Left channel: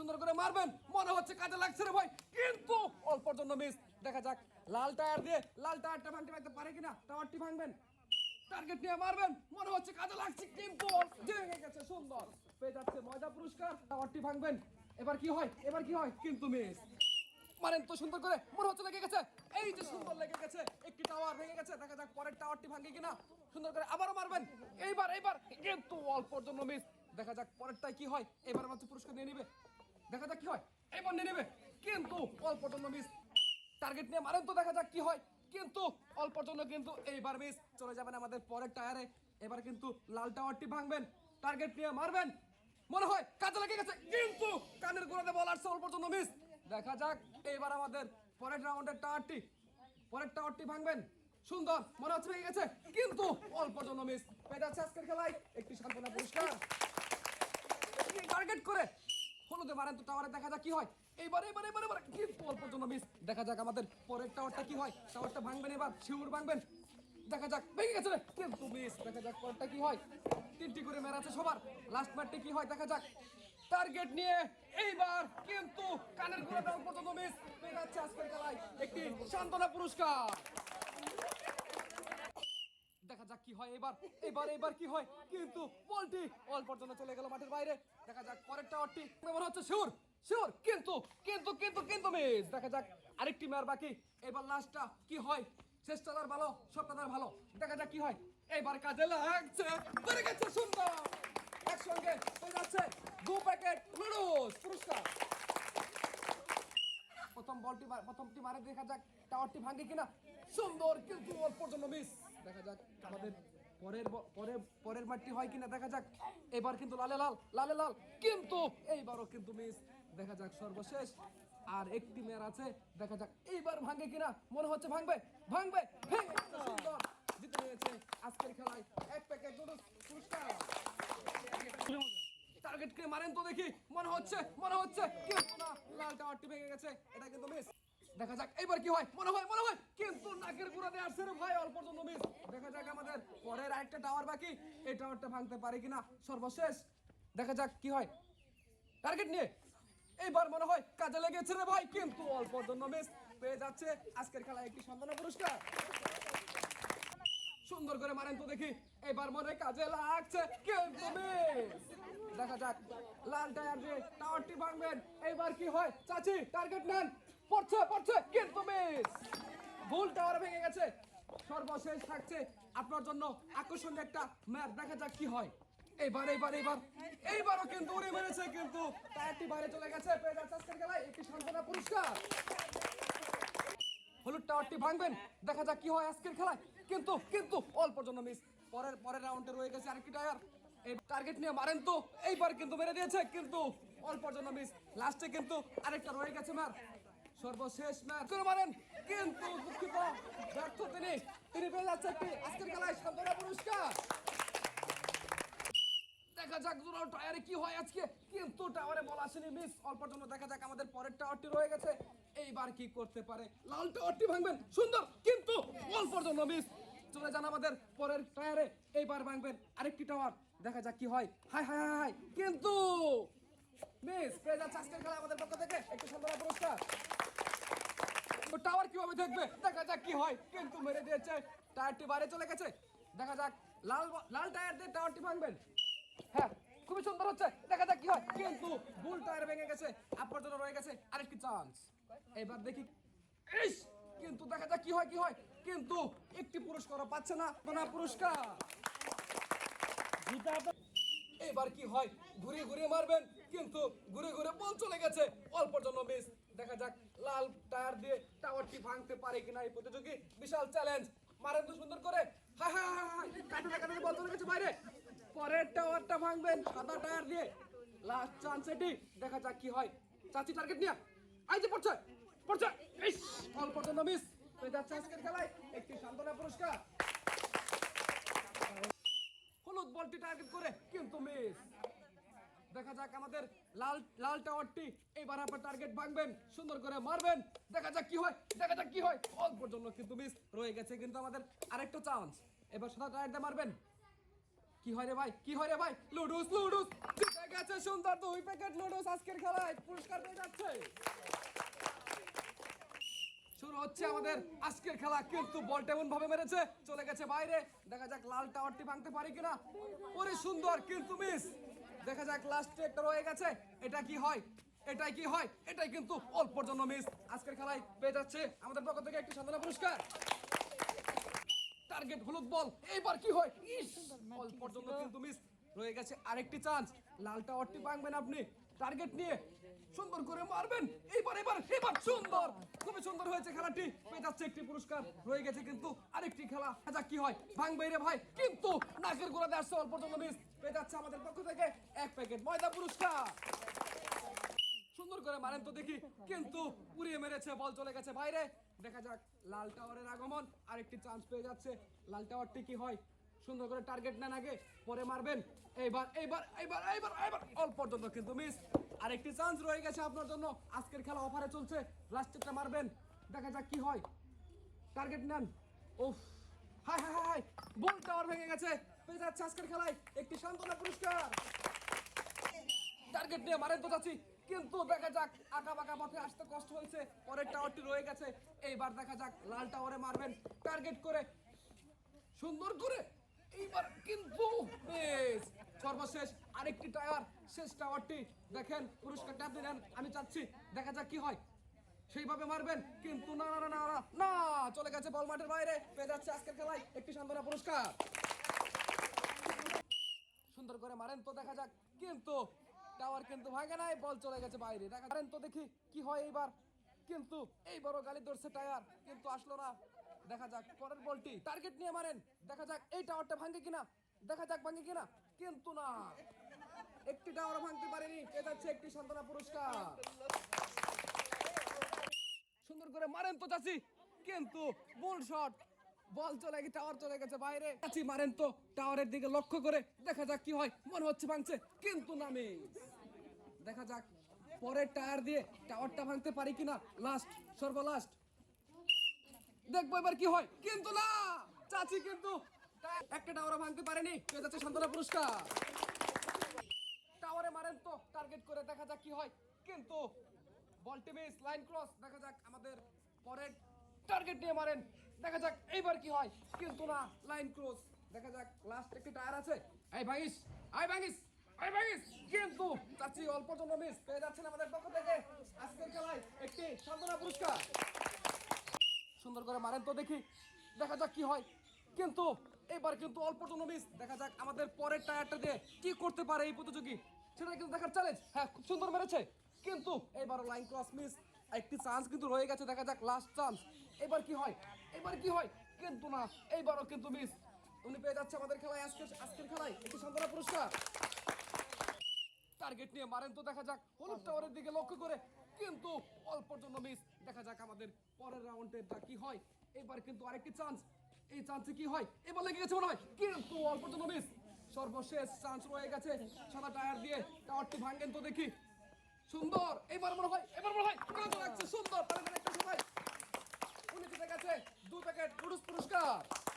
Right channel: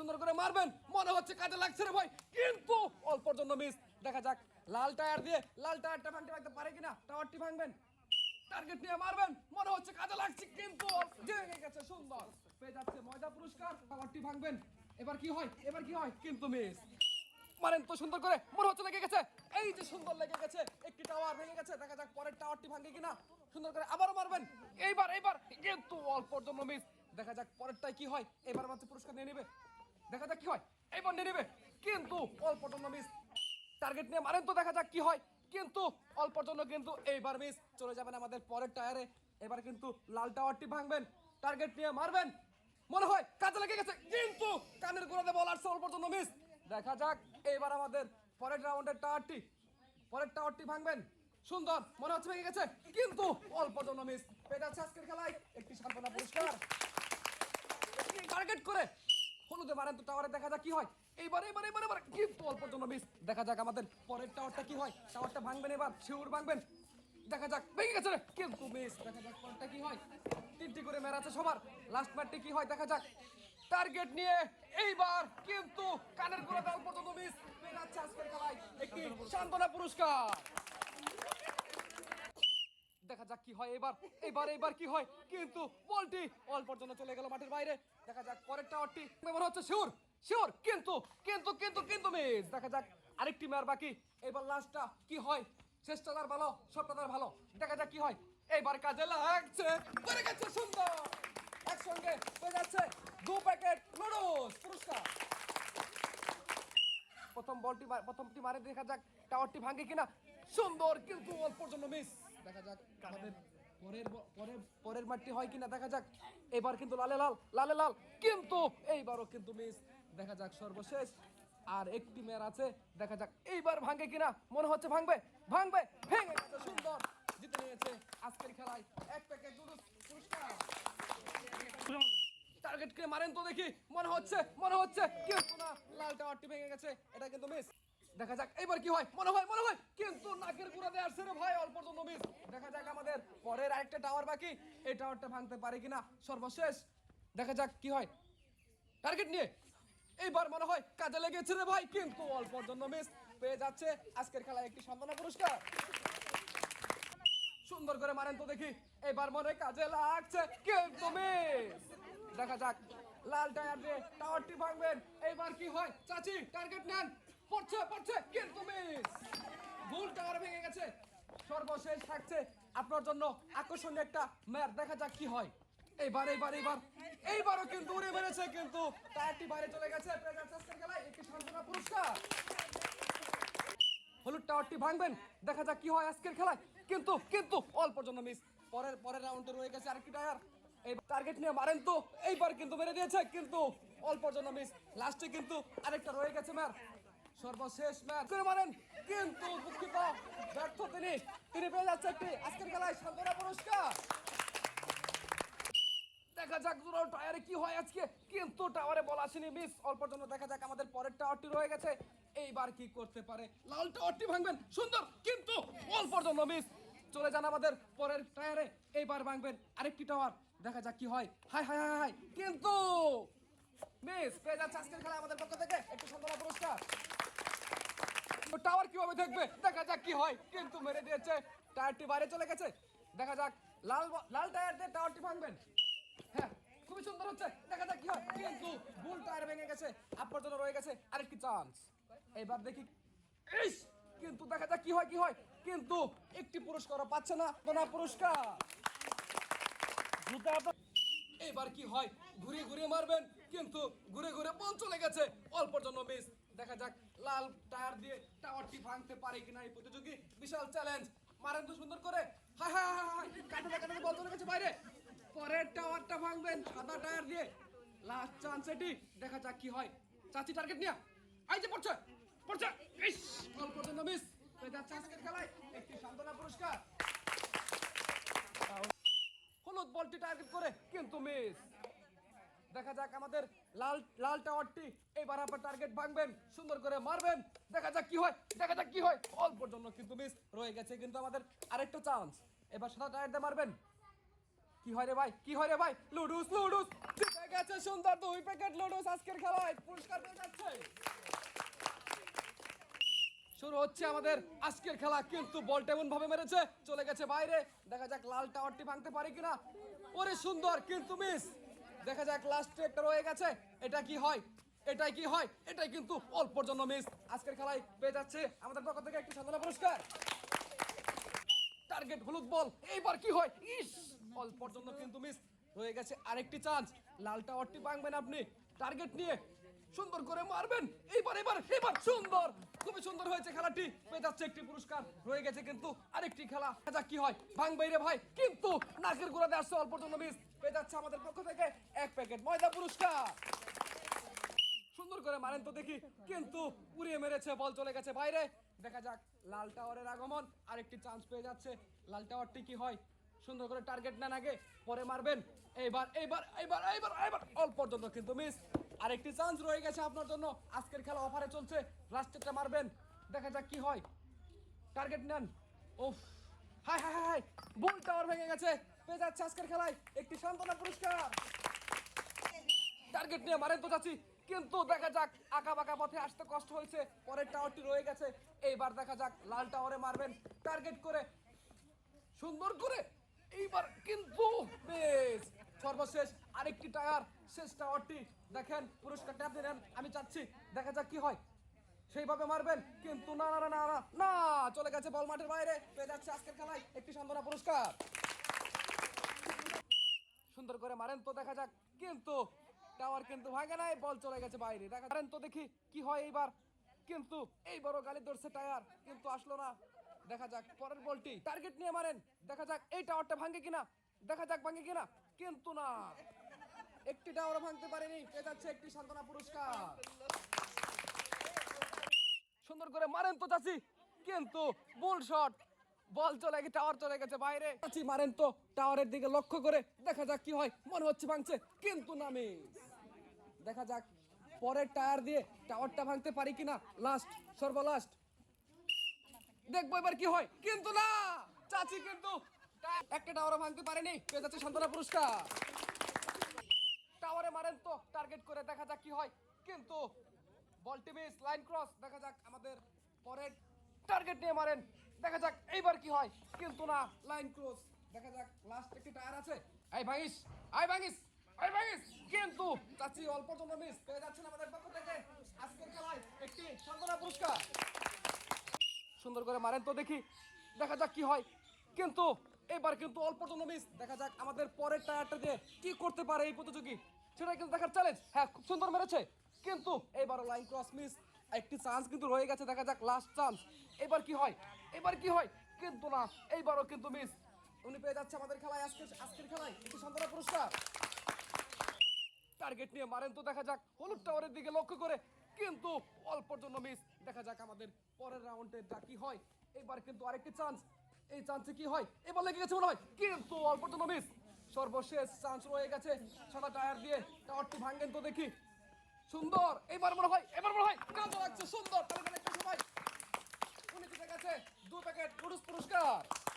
সুন্দর করে মারবেন। মনে হচ্ছে কাজে লাগছে রে ভাই। কিন্তু অল্পর জন্য মিস দেখা যাক, লাল টায়ার দিয়ে, লাল টায়ারটা ভাঙতে ভাঙতে পারে কিনা? টাওয়ারটি ভাঙবেন। টার্গেট নিয়ে মারবেন। মনে হচ্ছে কাজে লাগছে। কিন্তু ভেঙে গেছে, সুন্দর। পেয়ে যাচ্ছে ময়দা পুরস্কার। টাওয়ারটি ভাঙবেন। এবার কি হয়? এবার কি হয়? কিন্তু মিস মারেন তো সুন্দর করে। মনে হচ্ছে লেগে গেছে। এই যে সুন্দর লেগে গেছে। একটি টাওয়ার ভেঙে গেছে। দেখা যাক পরের টাওয়ারটি ভাঙে কিনা। সুন্দর করে আবারও মারবেন। এইবার এইবার। কিন্তু অল্পর জন্য মিস দেখা যাক পরেরটাই কি হয়? এবার হচ্ছে পুরস্কার নিয়ে নেবে। দেখা যাক কি হয়। এবার নিয়ে নেবে। কিন্তু অল্পর জন্য মিস টার্গেট নিয়ে মারেন তো দেখা যাক কি হয়। কিন্তু অল্পর জন্য কিন্তু এইবার মিস চলে যাবেন আমাদের পরের টায়ারে এবার কিন্তু লাল টাওয়ারটি ভাঙবেন। টার্গেট নিয়ে মারবেন। মনে হয় কাজে লেগে গেছে। কিন্তু কানের গোড়াতে বল আসছে অল্পর জন্য মিস দেখা যাক এইবার আমাদের পরের রাউন্ডের টাওয়ারটি পরের টাওয়ারটি ভাঙবেন। সুন্দর, মনে হচ্ছে ভেঙে গেছে। কিন্তু অল্পর জন্য মিস পেয়ে আজকের খেলায়। একটি সান্ত্বনা পুরস্কার। টার্গেট করে হলুদে মারেন তো টাওয়ারে দেখা যাক কি হয়। এইবার এবার অল্প জন্য মিস দেখা যাক আমাদের পরের টাওয়ারটা কি হয়। টাওয়ারটা ভাঙবেন এবার, শিউর ভাঙবেন দেখা যাক, ভেঙে গেছে কিন্তু মিস দেখা যাক পরেরটা কি হয়। তিনটি করে আছে সবার। লাস্ট কি হয়, দেখা যাক। টার্গেট নিয়ে এইবার কিন্তু কানের মিস একটি সান্ত্বনা পুরস্কার দেখা যাক কি হয় এবার এবার এবার কি হয়? কিন্তু বলটি অল পর্যন্ত চলে গেল মাঠের বাইরে। দেখা যাক হচ্ছে শিওর শিওর কিন্তু কিন্তু কিন্তু কিন্তু মিস দেখা যাক আরেকটি বাকি। এবার লাস্টটা কি হয়? শেষটা তার ভালো সবটা তার ভালো। দেখা যাক কি হয়। এইবার কাজে লাগছে। করে গেছে সুন্দর। একসঙ্গে হয়ে যাচ্ছে দু প্যাকেট নুডলস পুরস্কার। প্রথম বলটি প্রথমটি মারে দেখা যাক টাওয়ারটি ভাঙে কিনা। সুন্দর কিন্তু অল্প জন্য মিস দেখা যাক আমাদের পরের পরের মাঠটি হয় কিনা, দেখা যাক। এবার কিন্তু লালে লাল লালে লাল, কিন্তু এইবারও কিন্তু মিস দেখা যাক সর্বশেষ। আর একটি আছে, দেখা যাক এইবার কিনা। মনে হচ্ছে ভাঙবে ভাঙবে, ভেঙে সুন্দর। জিতে নিয়েছে আজকের খেলায় এক প্যাকেট মারেন তো দেখি। মনে হচ্ছে মনে হচ্ছে লাল টাওয়ারটি ভেঙে গেছে। এটা কিন্তু মিস দেখা যাক, এইবার কি হয়? মনে হয় মনে হয়। কিন্তু নাকের পুরাতে আসছে রে ভাই, অল্প জন্য মিস দেখা যাক আমাদের পরের আরেকটা টাওয়ার বাকি। এই টাওয়ারটা ভাঙতে পারে কিনা? সর্বশেষ। দেখা যাক কি হয়। টার্গেট নিয়ে। এইবার মনে হয় কাজে লেগেছে রে ভাই, কিন্তু অল্প জন্য মিস পেয়ে যাচ্ছে। আজকের খেলায় একটি সম্মাননা পুরস্কার। সুন্দর করে মারেন তো দেখি। এবার মনে কাজে লাগছে, কিন্তু মিস দেখা যাক। লাল টায়ার দিয়ে টাওয়ারটি ভাঙবেন। এবার কি হয়? চাচি টার্গেট নেন। পড়ছে পড়ছে। কিন্তু মিস ভুল টাওয়ার ভেঙে গেছে। সর্বশেষ থাকছে আপনার জন্য আকর্ষণীয় একটা ম্যাচ দেখা যাক কি হয়। এইবার এইবার এইবার এইবারও কিন্তু উড়ে মেরেছে, কিন্তু টায়ারটি বাইরে চলে গেছে। খেলায়। একটি সান্ত্বনা পুরস্কার। হলুদ টাওয়ারটি ভাঙবেন। দেখা যাক কি হয় আজকের খেলায়। কিন্তু কিন্তু অল্প জন্য মিস পরের পরের রাউন্ডে রয়ে গেছে আরেকটি টায়ার। এই টার্গেট নিয়ে মারেন তো। এইবার কিন্তু মেরে দিয়েছে, কিন্তু অল্প জন্য মিস লাস্টে কিন্তু আরেকটা রয়ে গেছে মার। সর্বশেষ ম্যাচ। তিনি মারেন। কিন্তু দুঃখিত ব্যর্থ তিনি। তিনি পেয়ে যাচ্ছে একটি আজকের খেলায় সান্ত্বনা পুরস্কার। দেখা যাক দুটো টায়ারে কি হয় আজকে। কিন্তু টাওয়ারে বল আসেনি মিস অল্পর জন্য দেখা যাক আমাদের পরের টাওয়ারটি রয়ে গেছে। এইবার কি করতে পারে? লাল টাওয়ারটি ভাঙবেন। সুন্দর। কিন্তু অল্পর জন্য মিস চলে যান আমাদের পরের টায়ারে এইবার ভাঙবেন আরেকটি টাওয়ার দেখা যাক কি হয়। হাই হাই হাই কিন্তু মিস পেয়ে যাচ্ছে আজকের খেলা আমাদের পক্ষ থেকে একটু কীভাবে দেখবে দেখা যাক কি হয়। কিন্তু মেরে দিয়েছে টায়ারটি বাইরে চলে গেছে। দেখা যাক লাল লাল টায়ার দিয়ে টাওয়ারটি ভাঙবেন। হ্যাঁ খুবই সুন্দর হচ্ছে দেখা যাক কি হয়। কিন্তু ভুল টায়ার ভেঙে গেছে আপনার জন্য রয়ে গেছে আরেকটি চান্স এবার দেখি ইস! কিন্তু দেখা যাক কি হয় কি হয়। কিন্তু একটি পুরস্কারও পাচ্ছে না কোনা পুরস্কার। এবার কি হয় ঘুরিয়ে ঘুরিয়ে মারবেন। কিন্তু ঘুরে ঘুরে বল চলে গেছে অল্পর জন্য মিস দেখা যাক, লাল টায়ার দিয়ে টাওয়ারটি ভাঙতে পারে কিনা এই প্রতিযোগী। বিশাল চ্যালেঞ্জ মারেন তো সুন্দর করে। বাইরে। পরের টাওয়ারটা ভাঙবেন সাদা টায়ার দিয়ে। লাস্ট চান্স এটি। দেখা যাক কি হয়। চাচি টার্গেট নিয়ে। আই পড়ছে পড়ছে। ইস অল্পর জন্য মিস হয়ে যাচ্ছে খেলায়। একটি সান্ত্বনা পুরস্কার। হলুদ বলটি টার্গেট করে কিন্তু মিস দেখা যাক আমাদের লাল লাল টাওয়ারটি এবার আপনার টার্গেট ভাঙবেন, সুন্দর করে মারবেন। দেখা যাক কি হয়, দেখা যাক কি হয়। অল্পর জন্য কিন্তু মিস রয়ে গেছে কিন্তু আমাদের আরেকটা চান্স এবার সাদা টায়ার মারবেন। কি হয় রে ভাই, কি হয় রে ভাই? লুডুস লুডুস গেছে সুন্দর দুই প্যাকেট লুডুস আজকের খেলায়। পুরস্কার পেয়ে যাচ্ছে। শুরু হচ্ছে আমাদের আজকের খেলা, কিন্তু বলটা এমন ভাবে মেরেছে, চলে গেছে বাইরে। দেখা যাক লাল টাওয়ারটি ভাঙতে পারে কিনা। ওরে সুন্দর, কিন্তু মিস দেখা যাক লাস্টে একটা রয়ে গেছে। এটা কি হয়? এটাই কি হয়? এটাই কিন্তু অল্পর জন্য মিস আজকের খেলায় পেয়ে যাচ্ছে আমাদের পক্ষ থেকে একটি সাধনা পুরস্কার। টার্গেট হলুদ বল এইবার কি হয়? অল্পর জন্য কিন্তু মিস রয়ে গেছে আরেকটি চান্স লাল টাওয়ারটি ভাঙবেন আপনি। টার্গেট নিয়ে সুন্দর করে মারবেন। এইবার এবার এবার সুন্দর। খুবই সুন্দর হয়েছে খেলাটি। পেয়ে যাচ্ছে একটি পুরস্কার। রয়ে গেছে কিন্তু আরেকটি খেলা। দেখা কি হয়? ভাঙবে রে ভাই। কিন্তু নাকের গোড়াতে আসছে অল্পর জন্য মিস। পেয়ে যাচ্ছে আমাদের পক্ষ থেকে এক প্যাকেট ময়দা পুরস্কার। সুন্দর করে মারেন তো দেখি। কিন্তু উড়িয়ে মেরেছে, বল চলে গেছে বাইরে। দেখা যাক, লাল টাওয়ারের আগমন। আরেকটি চান্স পেয়ে যাচ্ছে। লাল টাওয়ারটি কি হয়? সুন্দর করে টার্গেট নেন আগে। পরে মারবেন। এইবার এইবার এইবার এইবার এইবার। অল্প পর্যন্ত কিন্তু মিস আরেকটি চান্স রয়ে গেছে আপনার জন্য। আজকের খেলা অফারে চলছে। লাস্টেরটা মারবেন। দেখা যাক কি হয়। টার্গেট নেন। উফ। High high high high. Tower ভেঙে গেছে। পেয়ে যাচ্ছে আজকের খেলায় একটি সান্ত্বনা পুরস্কার। টার্গেট নিয়ে মারেন তো যাচ্ছি কিন্তু দেখা যাক আঁকা বাঁকা পথে আসতে কষ্ট হয়েছে। পরের টাওয়ারটি রয়ে গেছে। এইবার দেখা যাক লাল টাওয়ারে মারবেন। টার্গেট করে, সুন্দর করে, এইবার কিন্তু বেশ। সর্বশেষ আরেকটি টায়ার শেষ টাওয়ারটি দেখেন পুরস্কারটা আপনি নেন আমি চাচ্ছি, দেখা যাক কি হয়। সেইভাবে মারবেন, কিন্তু না না না না চলে গেছে বল মাঠের বাইরে। পেয়ে যাচ্ছে আজকের খেলায় একটি সান্ত্বনা পুরস্কার। সুন্দর করে মারেন তো, দেখা যাক, কিন্তু টাওয়ার কিন্তু ভাঙে নাই, বল চলে গেছে বাইরে। দেখা মারেন তো দেখি কি হয় এইবার। কিন্তু এইবারও গালি ধরছে টায়ার, কিন্তু আসলো না। দেখা যাক, পরের বলটি টার্গেট নিয়ে মারেন। দেখা যাক, এই টাওয়ারটা ভাঙে কিনা, দেখা যাক ভাঙে কিনা, কিন্তু না। একটি টাওয়ার ভাঙতে পারেনি পেয়ে যাচ্ছে একটি সান্ত্বনা পুরস্কার। সুন্দর করে মারেন তো চাচি কিন্তু বুল শট বল চলে গেছে টাওয়ার চলে গেছে বাইরে। চাচি মারেন তো টাওয়ারের দিকে লক্ষ্য করে দেখা যাক কি হয় মনে হচ্ছে ভাঙছে কিন্তু নামে দেখা যাক পরের টায়ার দিয়ে টাওয়ারটা ভাঙতে পারি কিনা লাস্ট সর্বলাস্ট। দেখব এবার কি হয় কিন্তু না চাচি কিন্তু একটা টাওয়ারও ভাঙতে পারেনি পেয়ে যাচ্ছে সন্তানা পুরস্কার। টাওয়ারে মারেন তো টার্গেট করে দেখা যাক কি হয়। কিন্তু বলটি মিস লাইন ক্রস দেখা যাক আমাদের পরের টার্গেট নিয়ে মারেন। দেখা যাক এইবার কি হয়, কিন্তু না লাইন ক্রস দেখা যাক লাস্ট একটি টায়ার আছে। এই ভাগিস আই ভাগিস কিন্তু সুন্দর করে মারেন তো দেখি, দেখা যাক কি হয়। কিন্তু এবার কিন্তু অল্প জন্য মিস দেখা যাক আমাদের পরের টায়ারটা দিয়ে কি করতে পারে এই প্রতিযোগী। সেটা কিন্তু দেখার চ্যালেঞ্জ হ্যাঁ খুব সুন্দর মেরেছে। কিন্তু এবারও লাইন ক্রস মিস একটি চান্স কিন্তু রয়ে গেছে, দেখা যাক লাস্ট চান্স এবার কি হয়? এবার কি হয়? কিন্তু না এইবারও কিন্তু মিস উনি পেয়ে যাচ্ছে আমাদের খেলায় আজকে আজকের খেলায় একটি সান্ত্বনা পুরস্কার। টার্গেট নিয়ে মারেন তো দেখা যাক, হলুদ টাওয়ারের দিকে লক্ষ্য করে। কিন্তু অল্পর জন্য মিস দেখা যাক আমাদের পরের রাউন্ডে যা কি হয়। এবার কিন্তু আরেকটি চান্স এই চান্সে কি হয়? এবার লেগে গেছে মনে হয়, কিন্তু অল্পর জন্য মিস সর্বশেষ চান্স রয়ে গেছে। সাদা টায়ার দিয়ে টাওয়ারটি ভাঙেন তো দেখি। সুন্দর! এবার মনে হয়, এবার মনে হয়। সুন্দর! একটা সময়। গেছে। দু প্যাকেট পুরুষ পুরস্কার।